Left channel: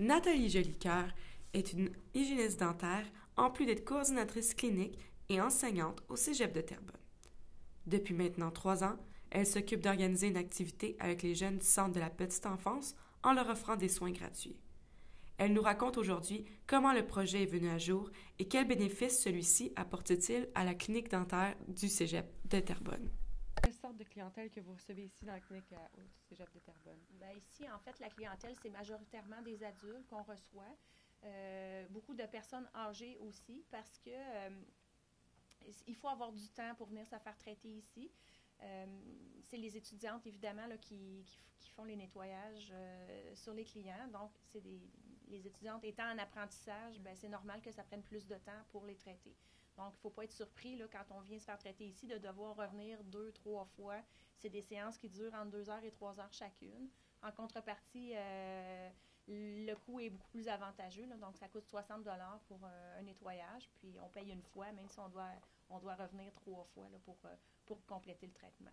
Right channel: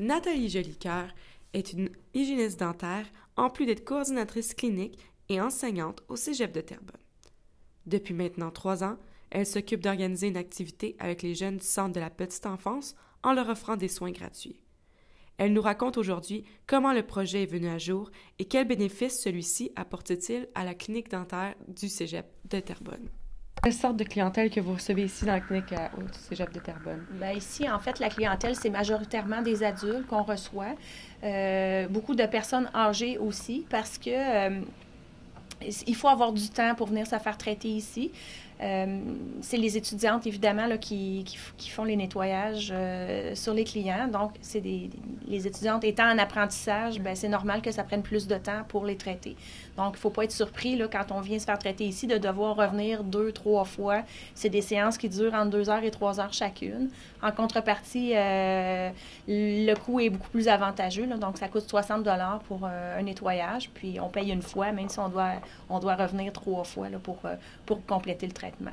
Nathalie Jolicoeur est une hygiéniste dentaire, en plus d'être coordinatrice clinique et enseignante au Cégep de Terrebonne. Depuis maintenant 3 ans, elle s'occupe d'organiser une activité avec les jeunes du Centre de la petite enfance en leur offrant des soins gratuits. Elle nous raconte aujourd'hui comment le projet est venu à jour et quels bénéfices celui-ci apporte-t-il à la clinique dentaire du Cégep de Terrebonne. Quelle sorte de clientèle que vous recevez ici dans la clinique au Cégep de Terrebonne? Bien, ici, en fait, la clientèle, c'est majoritairement des adultes qu'on reçoit. Beaucoup de personnes âgées aussi, parce que il faut avoir du temps pour venir se faire traiter ici. C'est les étudiantes, évidemment, là, qui font les nettoyages sur les clients. Donc, les étudiantes étant en apprentissage, bien, c'est normal que ça prenne plus de temps pour les traiter. Donc, il ne faut pas être surpris, là, quand on vient se faire traiter ici, de devoir revenir 2, 3 fois. C'est des séances qui durent entre 2 heures et 3 heures chacune. En contrepartie, le coût est beaucoup plus avantageux, là, donc ça coûte 60 $ pour un nettoyage, puis on paye une fois, même si on doit revenir 3 fois là, pour compléter le traitement.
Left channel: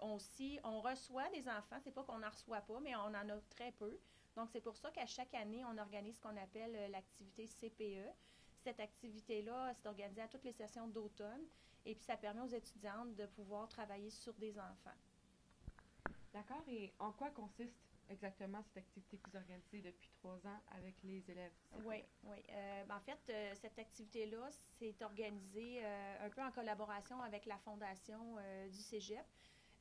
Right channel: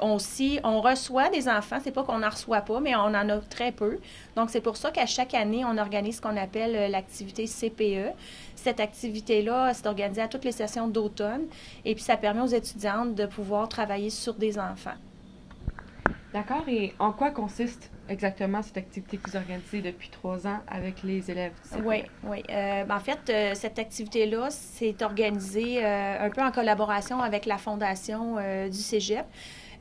On reçoit des enfants, c'est pas qu'on n'en reçoit pas, mais on en a très peu. Donc, c'est pour ça qu'à chaque année, on organise ce qu'on appelle l'activité CPE. Cette activité-là, c'est organisé à toutes les sessions d'automne, et puis ça permet aux étudiantes de pouvoir travailler sur des enfants. D'accord. Et en quoi consiste exactement cette activité que vous organisez depuis 3 ans avec les élèves du CPE? Oui. En fait, cette activité-là, c'est organisé un peu en collaboration avec la fondation du Cégep.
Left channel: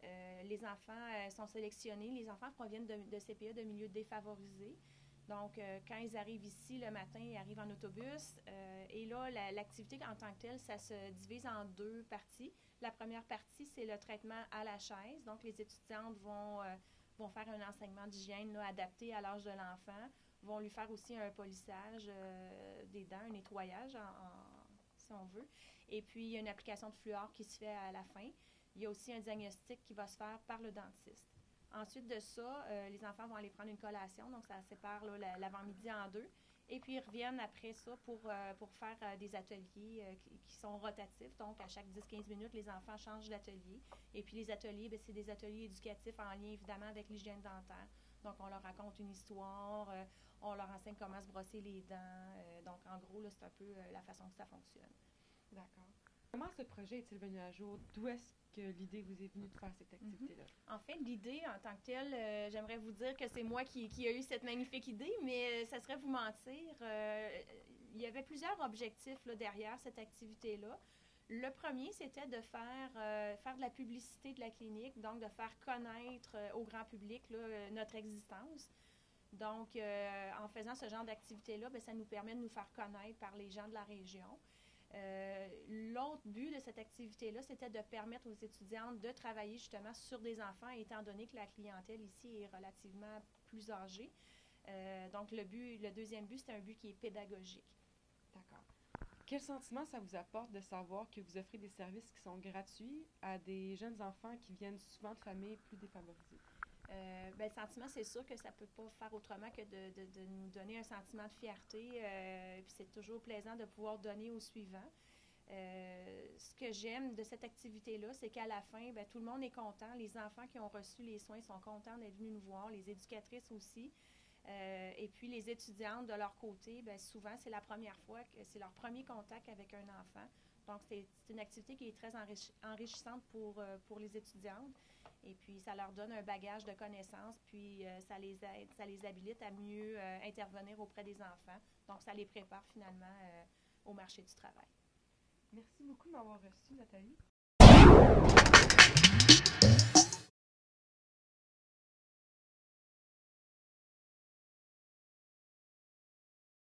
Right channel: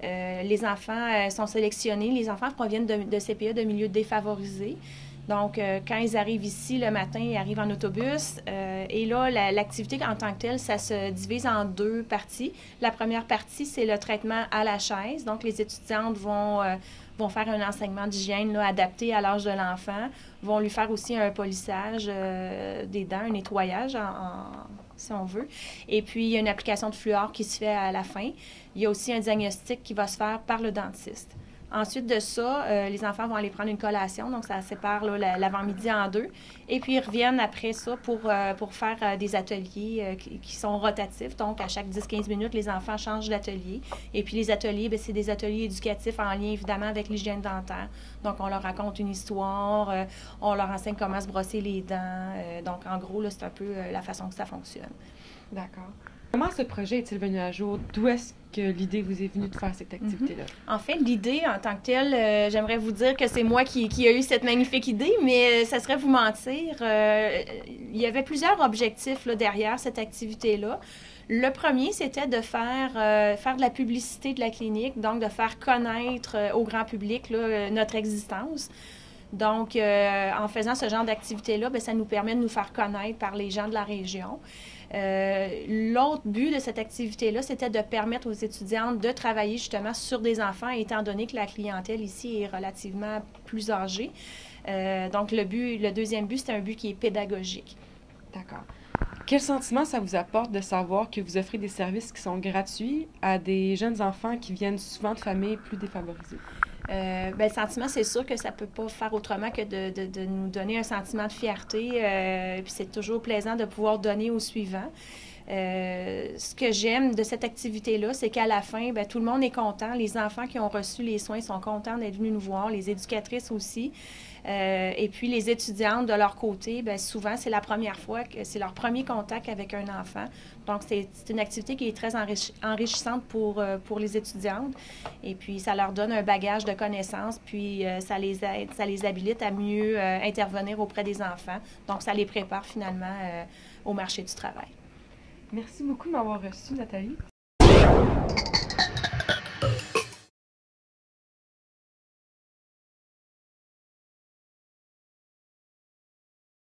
Les enfants sont sélectionnés. Les enfants proviennent de CPE de milieux défavorisés. Donc, quand ils arrivent ici le matin, ils arrivent en autobus. Et là, l'activité en tant que telle, ça se divise en 2 parties. La première partie, c'est le traitement à la chaise. Donc, les étudiantes vont faire un enseignement d'hygiène là, adapté à l'âge de l'enfant, vont lui faire aussi un polissage des dents, un nettoyage, si on veut. Et puis, il y a une application de fluor qui se fait à la fin. Il y a aussi un diagnostic qui va se faire par le dentiste. Ensuite de ça, les enfants vont aller prendre une collation, donc ça sépare l'avant-midi en 2. Et puis, ils reviennent après ça pour faire des ateliers qui sont rotatifs. Donc, à chaque 10-15 minutes, les enfants changent d'atelier. Et puis, les ateliers, bien, c'est des ateliers éducatifs en lien, évidemment, avec l'hygiène dentaire. Donc, on leur raconte une histoire, on leur enseigne comment se brosser les dents. Donc, en gros, là, c'est un peu la façon que ça fonctionne. D'accord. Comment ce projet est-il venu à jour? D'où est-ce que l'idée vous est venue de faire cette activité-là? En fait, l'idée en tant que telle, j'aimerais vous dire que c'est moi qui a eu cette magnifique idée, mais ça serait vous mentir. Il y avait plusieurs objectifs là, derrière cette activité-là. Le premier, c'était de faire de la publicité de la clinique, donc de faire connaître au grand public là, notre existence. Donc, en faisant ce genre d'activité-là, bien, ça nous permet de nous faire connaître par les gens de la région. L'autre but de cette activité-là, c'était de permettre aux étudiantes de travailler justement sur des enfants, étant donné que la clientèle ici est relativement plus âgée. Donc, le deuxième but, c'est un but qui est pédagogique. D'accord. Quel sentiment ça vous apporte de savoir que vous offrez des services qui sont gratuits à des jeunes enfants qui viennent souvent de familles plus défavorisées? Bien, le sentiment, c'est sûr que ça ne peut pas faire autrement que de nous donner un sentiment de fierté. Puis c'est toujours plaisant de pouvoir donner au suivant. Ce que j'aime de cette activité-là, c'est qu'à la fin, bien, tout le monde est content. Les enfants qui ont reçu les soins sont contents d'être venus nous voir, les éducatrices aussi. Et puis, les étudiantes, de leur côté, bien, souvent, c'est la première fois que c'est leur premier contact avec un enfant. Donc, c'est une activité qui est très enrichissante pour les étudiantes. Et puis, ça leur donne un bagage de connaissances, puis ça les habilite à mieux intervenir auprès des enfants. Donc, ça les prépare finalement au marché du travail. Merci beaucoup de m'avoir reçu, Nathalie.